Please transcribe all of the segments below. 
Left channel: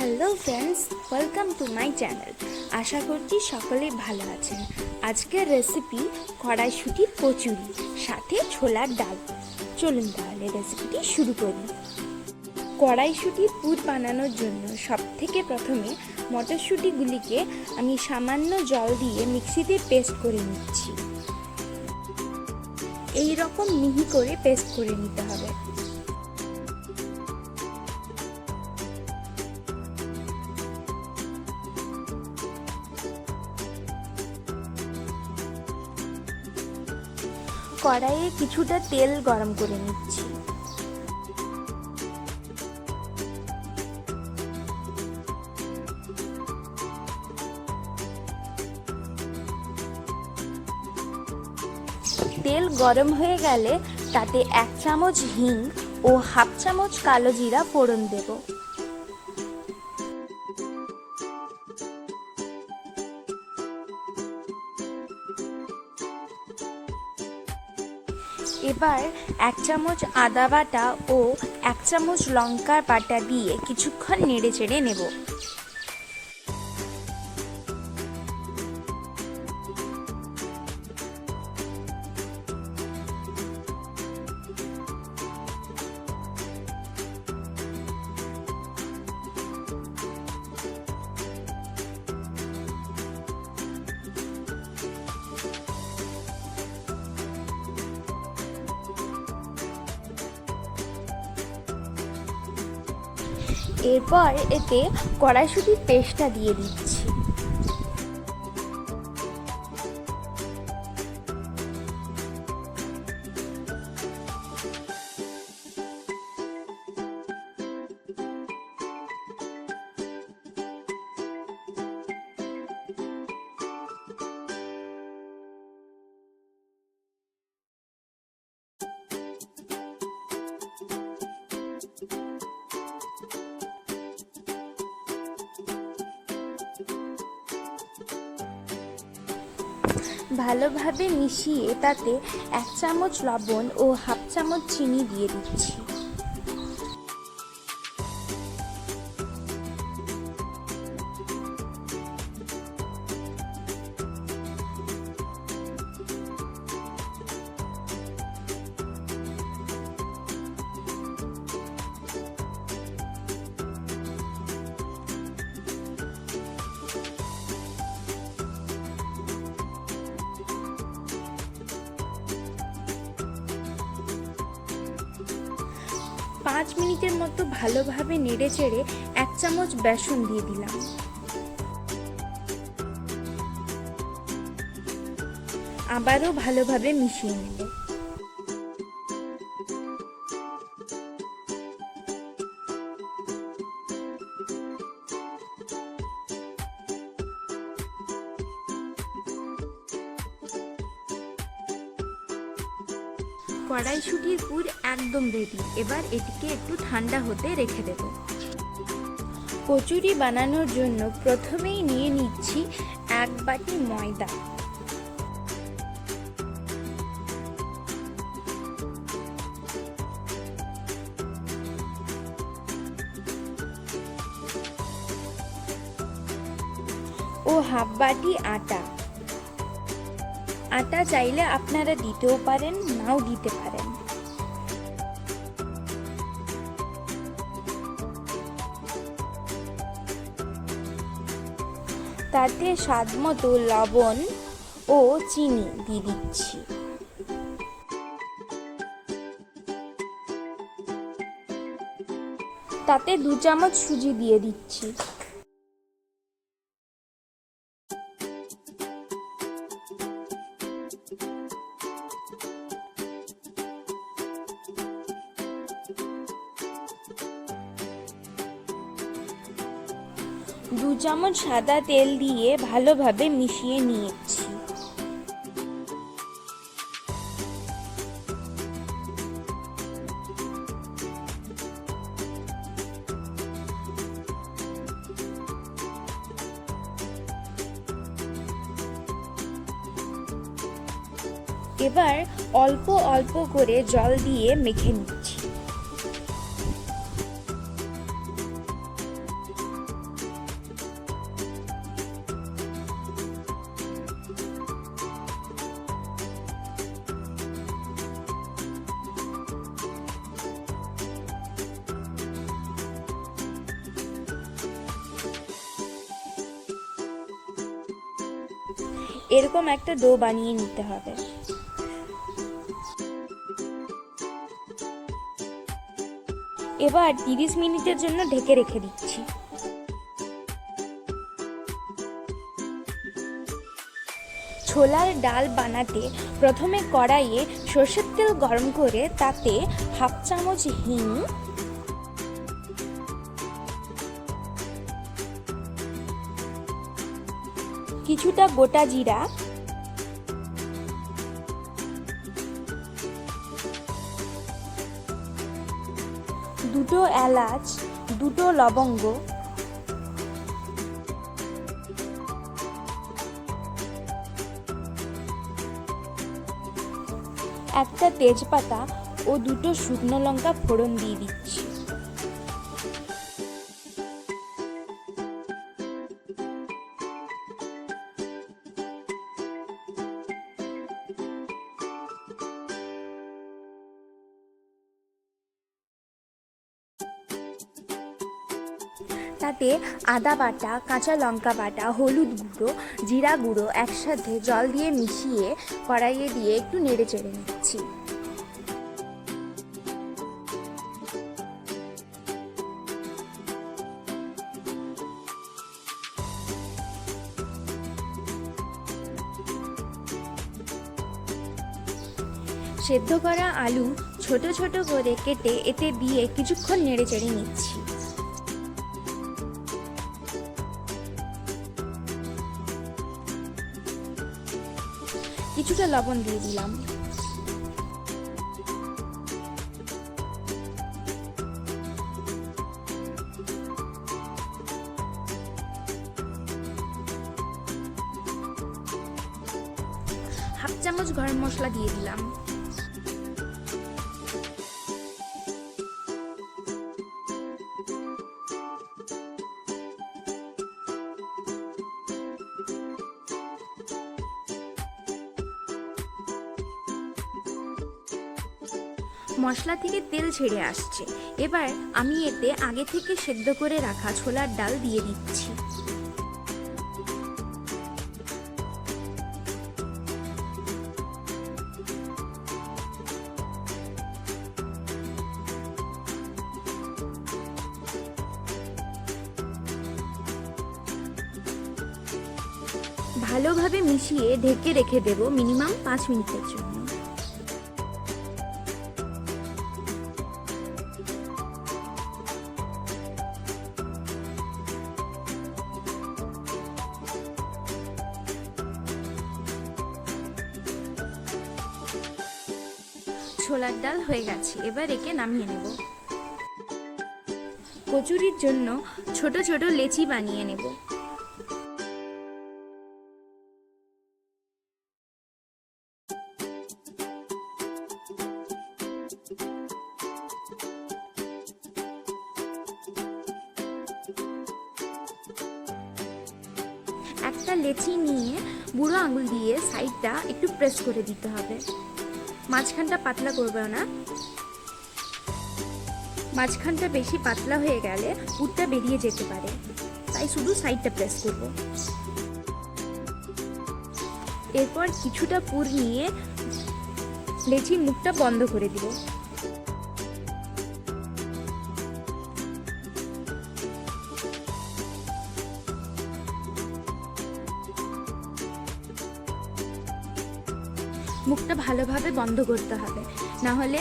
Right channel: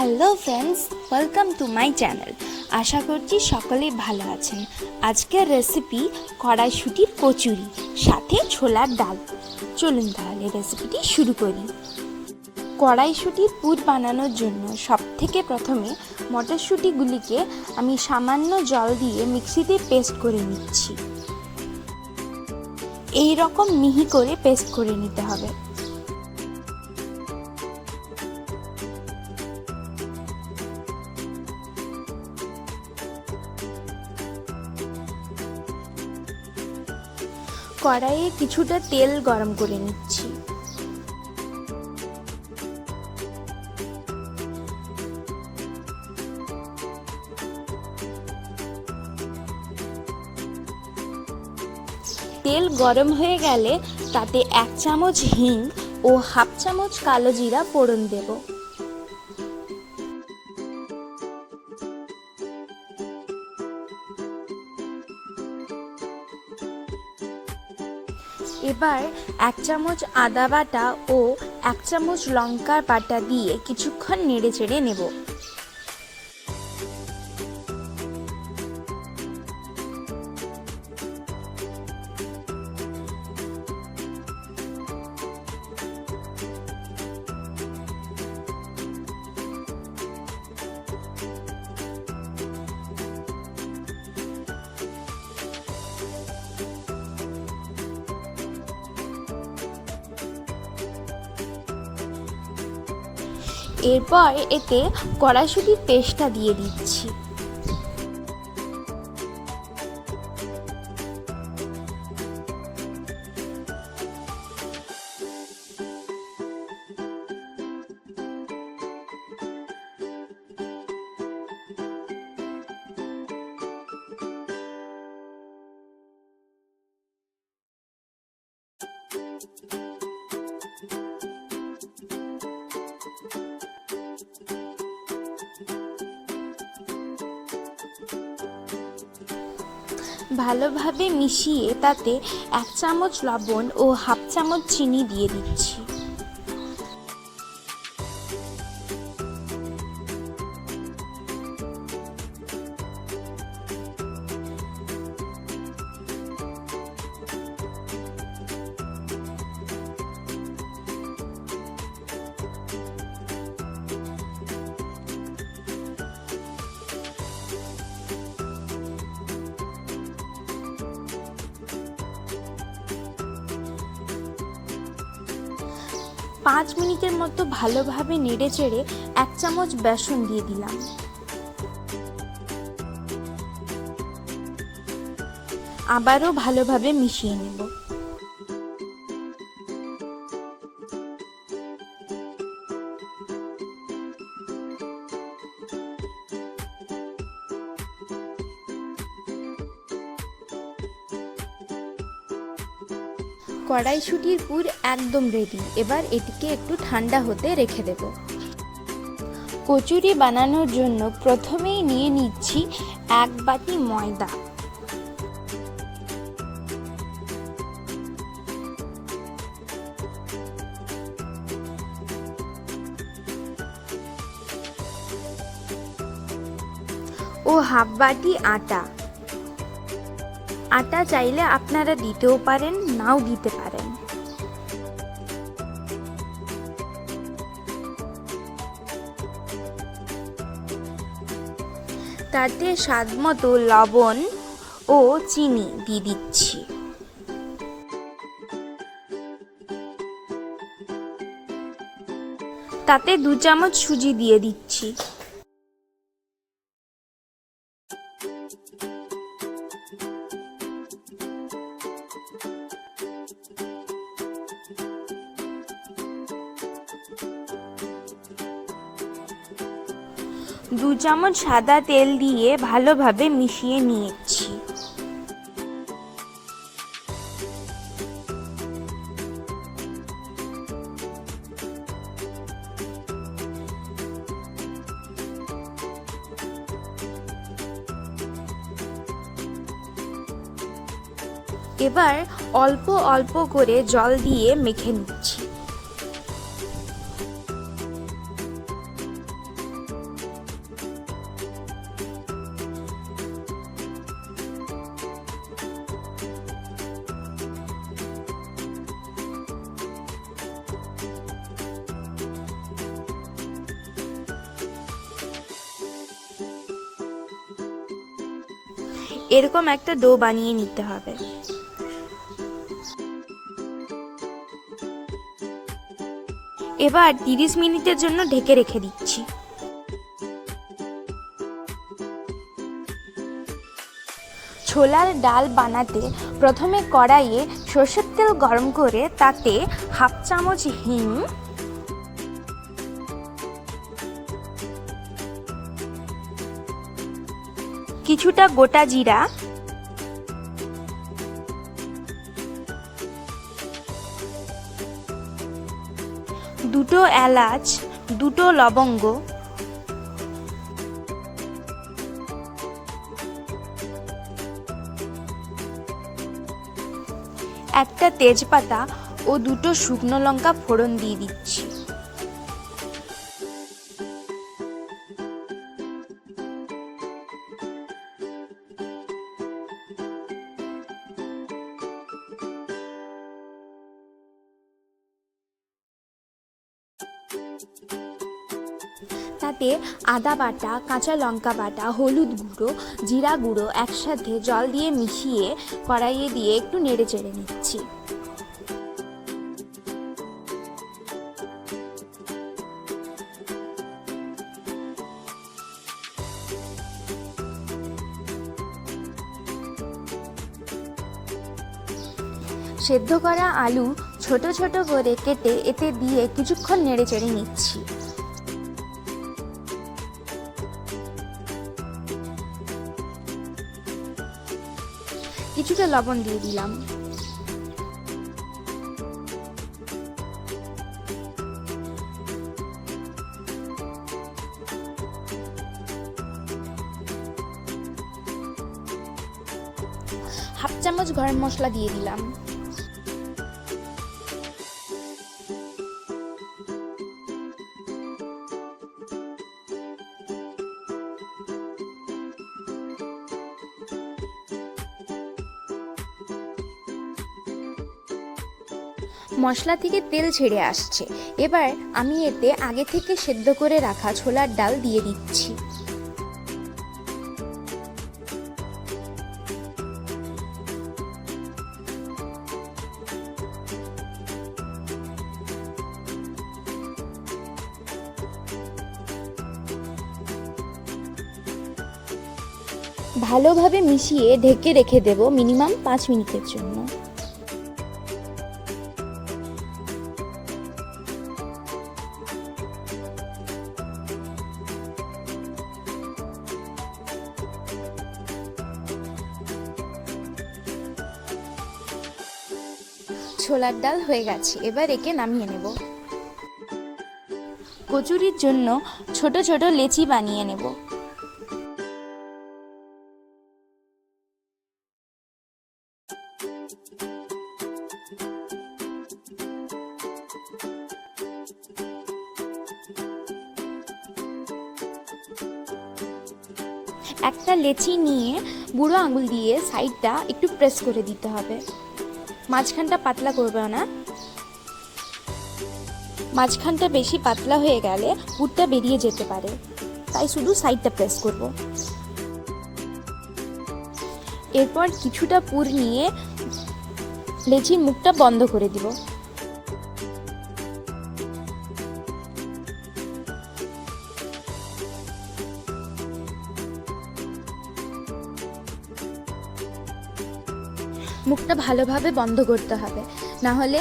Hello friends, welcome to my channel. আশা করছি সকলেই ভালো আছেন। আজকের রেসিপি কড়াইশুটির কচুরি, সাথে ছোলার ডাল। চলুন তাহলে রেসিপিটি শুরু করি। কড়াইশুটির পুর বানানোর জন্য সবথেকে প্রথমে মটরশুঁটিগুলিকে আমি সামান্য জল দিয়ে মিক্সিতে পেস্ট করে নিচ্ছি। এই রকম মিহি করে পেস্ট করে নিতে হবে। কড়াইয়ে কিছুটা তেল গরম করে নিচ্ছি। তেল গরম হয়ে গেলে তাতে 1 চামচ হিং ও হাফ চামচ কালো জিরা ফোড়ন দেব। এবার 1 চামচ আদা বাটা ও 1 চামচ লঙ্কার বাটা দিয়ে কিছুক্ষণ নেড়ে চেড়ে নেব। এরপর এতে কড়াইশুটির পেস্টটা দিয়ে দিচ্ছি। ভালোভাবে মিশিয়ে তাতে 1 চামচ লবণ ও হাফ চামচ চিনি দিয়ে দিচ্ছি। পাঁচ মিনিটের মতো ভালোভাবে নেড়ে চেড়ে 1 চামচ বেসন দিয়ে দিলাম। আবারও ভালোভাবে মিশিয়ে নেব। কড়াইশুটির পুর একদম রেডি। এবার এটিকে একটু ঠান্ডা হতে রেখে দেব। কচুরি বানানোর জন্য প্রথমেই নিয়ে নিচ্ছি 1 বাটি ময়দা। ও হাফ বাটি আটা। আটা চাইলে আপনারা দিতেও পারেন, নাও দিতে পারেন। তাতে স্বাদমতো লবণ ও চিনি দিয়ে দিচ্ছি। তাতে 2 চামচ সুজি দিয়ে দিচ্ছি। দু চামচ সাদা তেল দিয়ে ভালোভাবে মিশিয়ে নিয়েছি। এবার অল্প অল্প করে জল দিয়ে মেখে নিচ্ছি। এরকম একটা ডো বানিয়ে নিতে হবে। এবার 30 মিনিটের জন্য ঢেকে রেখে দিচ্ছি। ছোলার ডাল বানাতে প্রথমে কড়াইয়ে সরষের তেল গরম করে তাতে হাফ চামচ হিং, কিছুটা গোটা জিরা, দুটো এলাচ, দুটো লবঙ্গ, একটা তেজপাতা ও দুটো শুকনো লঙ্কা ফোড়ন দিয়ে দিচ্ছি। তাতে আদা বাটা, কাঁচা লঙ্কা বাটা, হলুদ গুঁড়ো, জিরা গুঁড়ো একসাথে জল দিয়ে মিশিয়ে কড়াইয়ে দিয়ে একটু নেড়ে চেড়ে নিচ্ছি। সেদ্ধ করা আলু ছোট ছোট করে কেটে এতে দিয়ে কিছুক্ষণ নেড়ে চেড়ে নিচ্ছি। কিছুটা লবণ দিয়ে দিলাম। হাফ চামচ গরম মশলা দিয়ে দিলাম। মশলা থেকে তেল ছেড়ে আসছে। এবার আমি এতে আগে থেকে সেদ্ধ করে রাখা ছোলার ডাল দিয়ে দিচ্ছি। ভালোভাবে মিশিয়ে ঢেকে রেখে দেব মিনিমাম 5 মিনিটের জন্য। ছোলার ডাল হয়ে গেছে, এবার একে নামিয়ে নেব। কচুরির জন্য ছোট ছোট লেচি বানিয়ে নেব। একটা লেচি নিয়ে বুড়ো আঙুল দিয়ে সাইডটা একটু প্রেস করে দিতে হবে। মাঝখানটা পাতলা করবে না, মাঝখানটা বেশি পাতলা হয়ে গেলে পুরটা বেরিয়ে যেতে পারে, তাই শুধু সাইডটা প্রেস করব। এরপর কিছুটা পুর নিয়ে লেচির মুখটা বন্ধ করে দিব। মুখটা ভালোভাবে বন্ধ করতে হবে, না হলে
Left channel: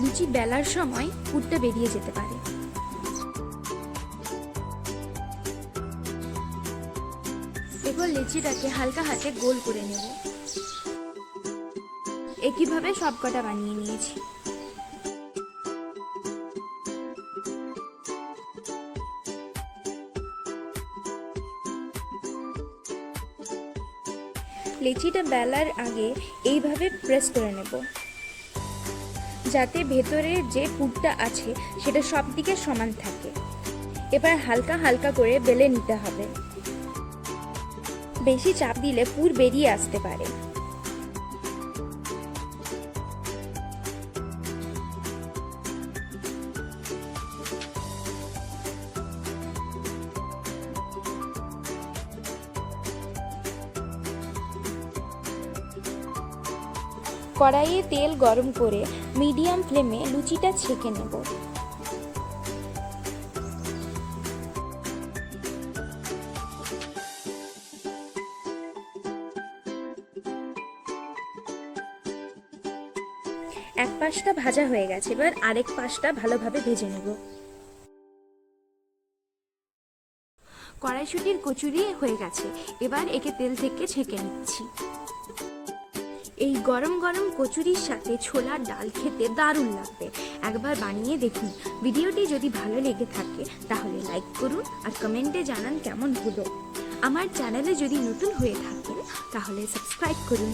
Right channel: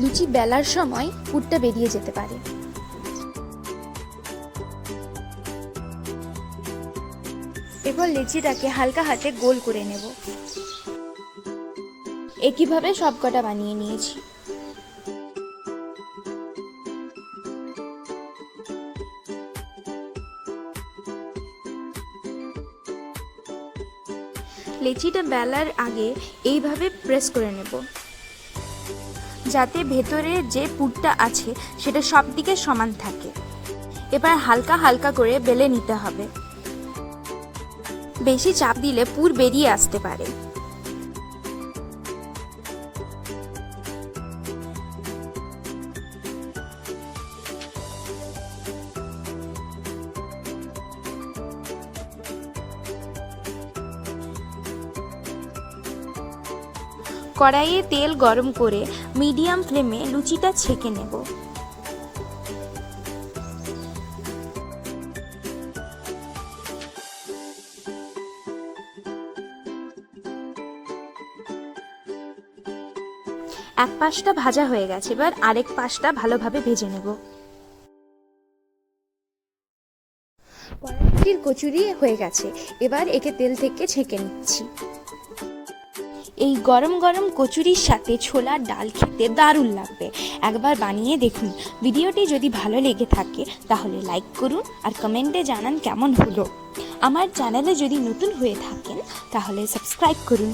লুচি বেলার সময় পুরটা বেরিয়ে যেতে পারে। এরপর লেচিটাকে হালকা হাতে গোল করে নেব। একইভাবে সবকটা বানিয়ে নিয়েছি। লেচিটা বেলার আগে এইভাবে প্রেস করে নেব, যাতে ভেতরে যে পুরটা আছে সেটা সব দিকে সমান থাকে। এবার হালকা হালকা করে বেলে নিতে হবে, বেশি চাপ দিলে পুর বেরিয়ে আসতে পারে। কড়াইয়ে তেল গরম করে মিডিয়াম ফ্লেমে লুচিটা ছেঁকে নেব। এক পাশটা ভাজা হয়ে গেছে, এবার আরেক পাশটা ভালোভাবে ভেজে নেব। কড়াইশুটির কচুরি হয়ে গেছে, এবার একে তেল থেকে ছেঁকে নিচ্ছি। এই গরম গরম কচুরির সাথে ছোলার ডাল খেতে দারুণ লাগবে, একবার বানিয়ে দেখুন। ভিডিওটি যদি ভালো লেগে থাকে তাহলে লাইক করুন আর কমেন্টে জানান কেমন হলো। আমার চ্যানেলে যদি নতুন হয়ে থাকেন তাহলে সাবস্ক্রাইব করুন।